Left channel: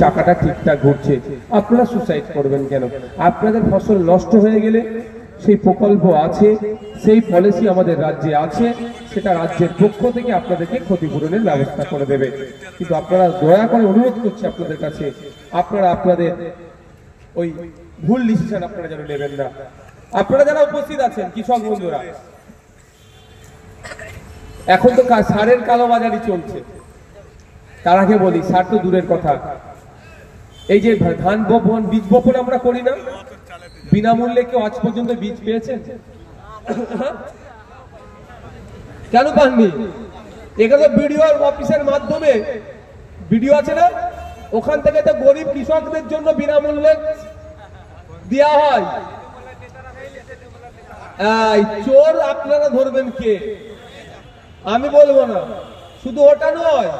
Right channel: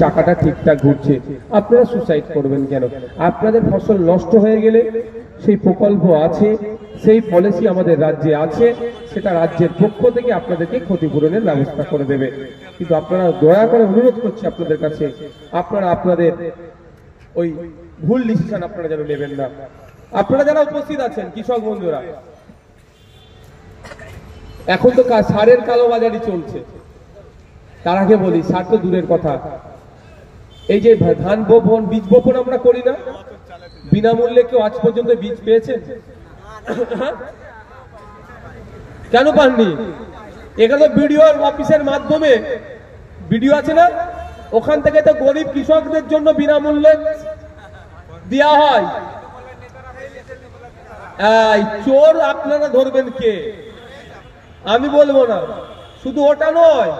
চাকাটা ঠিকঠাক ঘুরছে, আপনারা সুসাইড করবেন কেন? আপনাদের ফসল নষ্ট হয়ে গেলে সেই প্রকল্প আছে, সেই পলিসি আমাদের রাজ্যে আছে, সেটা রাজ্যের পক্ষ থেকে আপনাদেরকে ক্ষতিপূরণের ব্যবস্থা করে দেবে। কিন্তু আপনারা দয়া করে অনুরোধ করছি আপনাদের কাছে, আপনারা আপনাদের ওই ভুল ডিসিশন আপনারা যেন নেবেন না। আপনারা যারা উপস্থিত আছেন কৃষক বন্ধুরা, এখন তো সারের কালোবাজারি চলছে। তার আগে বলি, সার তো দূরের কথা, এই যে ধান বপন, বীজ বপন আমরা করি না, বিনামূল্যে কেউ আজ পর্যন্ত বীজ পেয়েছেন? কেন পাননি? এখানে বিডিও অফিসের মাধ্যমে, বিডিও আছে না, ওখান থেকে তো গরিব কৃষকদের জন্য বিনামূল্যে দেওয়া হয়। চোর আপনারা ধরবেন কে? আমি বলবো না। শুধু ওটা নয়,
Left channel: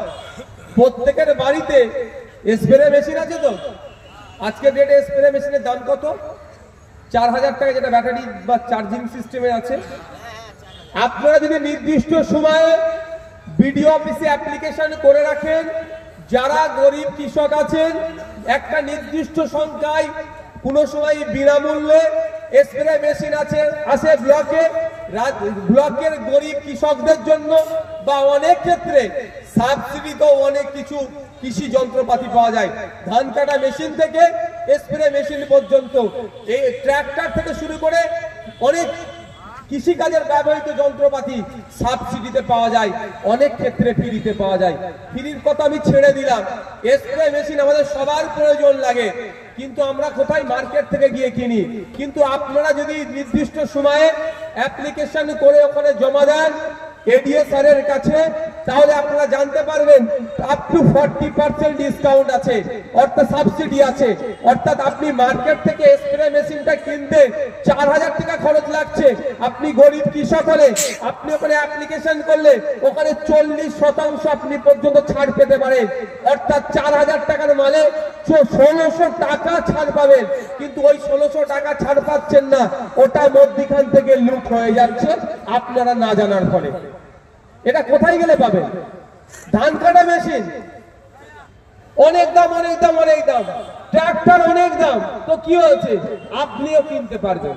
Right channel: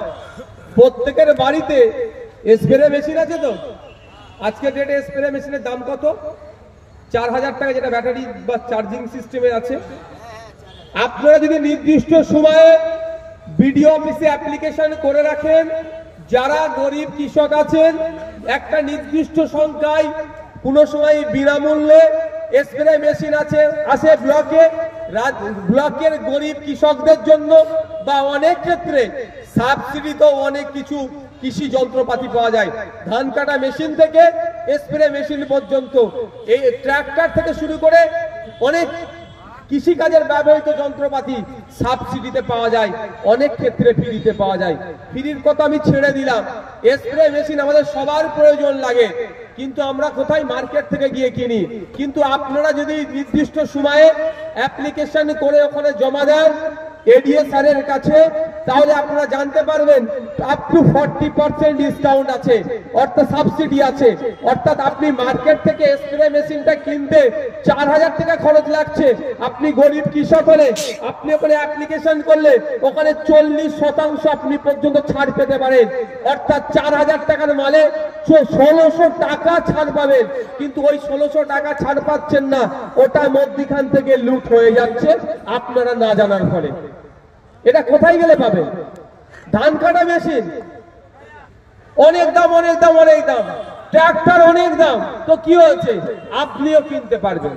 প্রত্যেকের বাড়িতে স্প্রে মেশিন আছে তো। আজকে ডেটে স্প্রে মেশিনের দাম কত? 4000 টাকা, যেটা ব্যাটারি বা চার্জিং সিস্টেমে আছে। আপনারা যদি নির্দিষ্ট সময়ে বিডিও অফিসে অ্যাপ্লিকেশন করে রাখেন, যারা গরিব কৃষক আছেন, একটা নির্দিষ্ট সংখ্যায় কোনো সময় বিনামূল্যে স্প্রে মেশিন আছে ব্লকে, ব্লকের গরিব কৃষকদের জন্য, বা অনেক ক্ষেত্রে সাবসিডিতেও অনেক কিছু কৃষি যন্ত্রপাতি পাওয়া যায়। ধান কাটা মেশিন থেকে স্প্রে মেশিন পর্যন্ত, এই ট্রাক্টর থেকে শুরু করে অনেক কৃষিকাজের ব্যবহৃত যন্ত্রপাতি সাবসিডিতে পাওয়া যায়, অনেক ক্ষেত্রে ফ্রিতে পাওয়া যায়। ফ্রির কথা আমি ছেড়ে দিলাম, স্প্রে মেশিন আমাদের সবার প্রয়োজন লাগে, কিন্তু আমরা কোথায়? মার্কেট থেকে গিয়ে কিনি। কিন্তু আপনারা যদি নির্দিষ্ট সময়ে অ্যাপ্লিকেশন করে ওখানে জমা দেন এডিএ স্যারের কাছে, তাহলে আপনারা জানতে পারবেন আপ টু 40% ডিসকাউন্ট আছে, অর্থাৎ সাবসিডি আছে। অর্থাৎ আপনি মার্কেট থেকে স্প্রে মেশিনটা কিনতে 4000 টাকা খরচ লাগছে, আপনি গরিব কৃষক হলে আপনি ওখানে অ্যাপ্লিকেশন করলে ওখানে 40% আপনি পর্যন্ত ছাড় পেতে পারেন। অর্থাৎ 4000 টাকার মানে 1600 টাকা ছাড় পাবেন। কিন্তু ওই 1600 টাকা ছাড় পাচ্ছেন না, ওটা মধ্যখান থেকে লুট হয়ে যাচ্ছে আপনারা না জানার ফলে। এটা কোথায় গেলে পাবেন? ধান কাটা মেশিন অনেক দাম, অনেক দাম, অনেক দাম, ট্রাক্টর অনেক দাম, তো কি হয়েছে? আপনিও কিনতে পারবেন,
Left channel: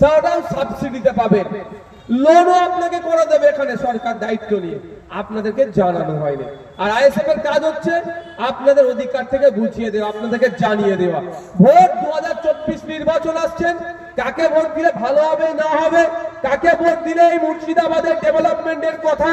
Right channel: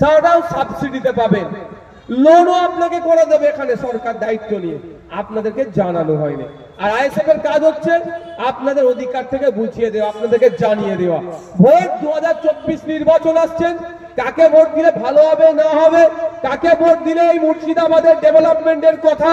সেটাও সাবসিডিতে পাবেন, লোনও আপনাকে করে দেবে এখানে সরকার দায়িত্ব নিয়ে, আপনাদেরকে জানানো হয়নি। আর আইএসএফ এর কাজ হচ্ছে আপনাদের অধিকার থেকে বুঝিয়ে দেওয়া, আপনাদেরকে জানিয়ে দেওয়া। ভোট 2024 নির্বাচন আসছেন, কাকে ভোট দিলে ভালো হবে না হবে, কাকে ভোট দিলে এই মুর্শিদাবাদের ডেভেলপমেন্টের কথা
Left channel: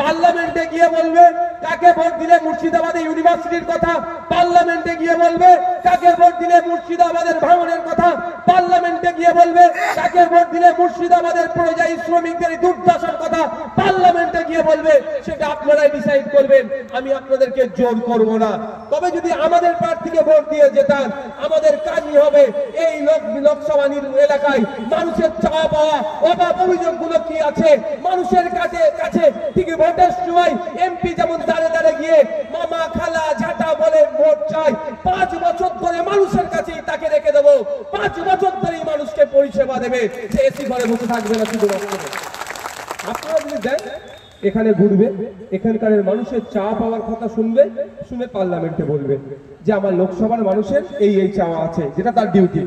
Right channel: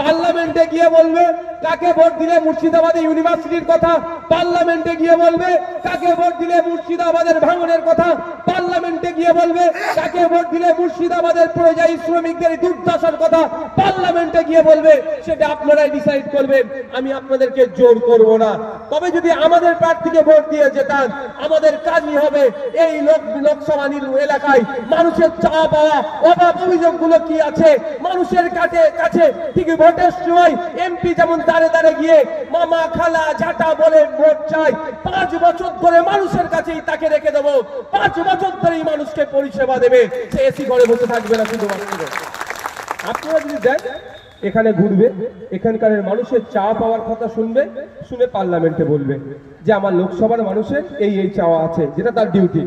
পার্লামেন্টে গিয়ে বলবে, কাকে ভোট দিলে মুর্শিদাবাদের ইউনিভার্সিটির কথা পার্লামেন্টে গিয়ে বলবে, কাকে ভোট দিলে মুর্শিদাবাদের ভাঙনের কথা পার্লামেন্টে গিয়ে বলবে, কাকে ভোট দিলে মুর্শিদাবাদের পরিযায়ী শ্রমিকদের দুর্দশার কথা পার্লামেন্টে গিয়ে বলবে, সেটা আপনারাই ডিসাইড করবেন। আমি আপনাদেরকে জোর করব না। তবে যদি আমাদের প্রার্থীকে ভোট দিয়ে যেতাম, আমাদের কাজই হবে এই লোকসভা এলাকায় মানুষের চাওয়া পাওয়া অভাব অভিযোগগুলো কি আছে মানুষের কাছে ঠিক ভোটের সময় এমপি যেমন দাঁড়ে দাঁড়ে গিয়ে মামা খালা ঝাঁটা বলে ভোট চাই, 5 বছর ধরে মানুষের কাছেই তাকে রেখে দেবো, 5 বছর ধরেই মানুষকে পরিষেবা দেবে, সে এসি ঘরে বসে থাকবে না শুধুমাত্র। আপনারা যদি দেন, এখানে ঘুরবে, এখানকার মানুষের চাওয়া পাওয়ার কথা শুনবে, শুনে পার্লামেন্টে বলবে যে আমার লোকসভার মানুষের এই চাওয়া আছে, যেটা তার ডিউটি।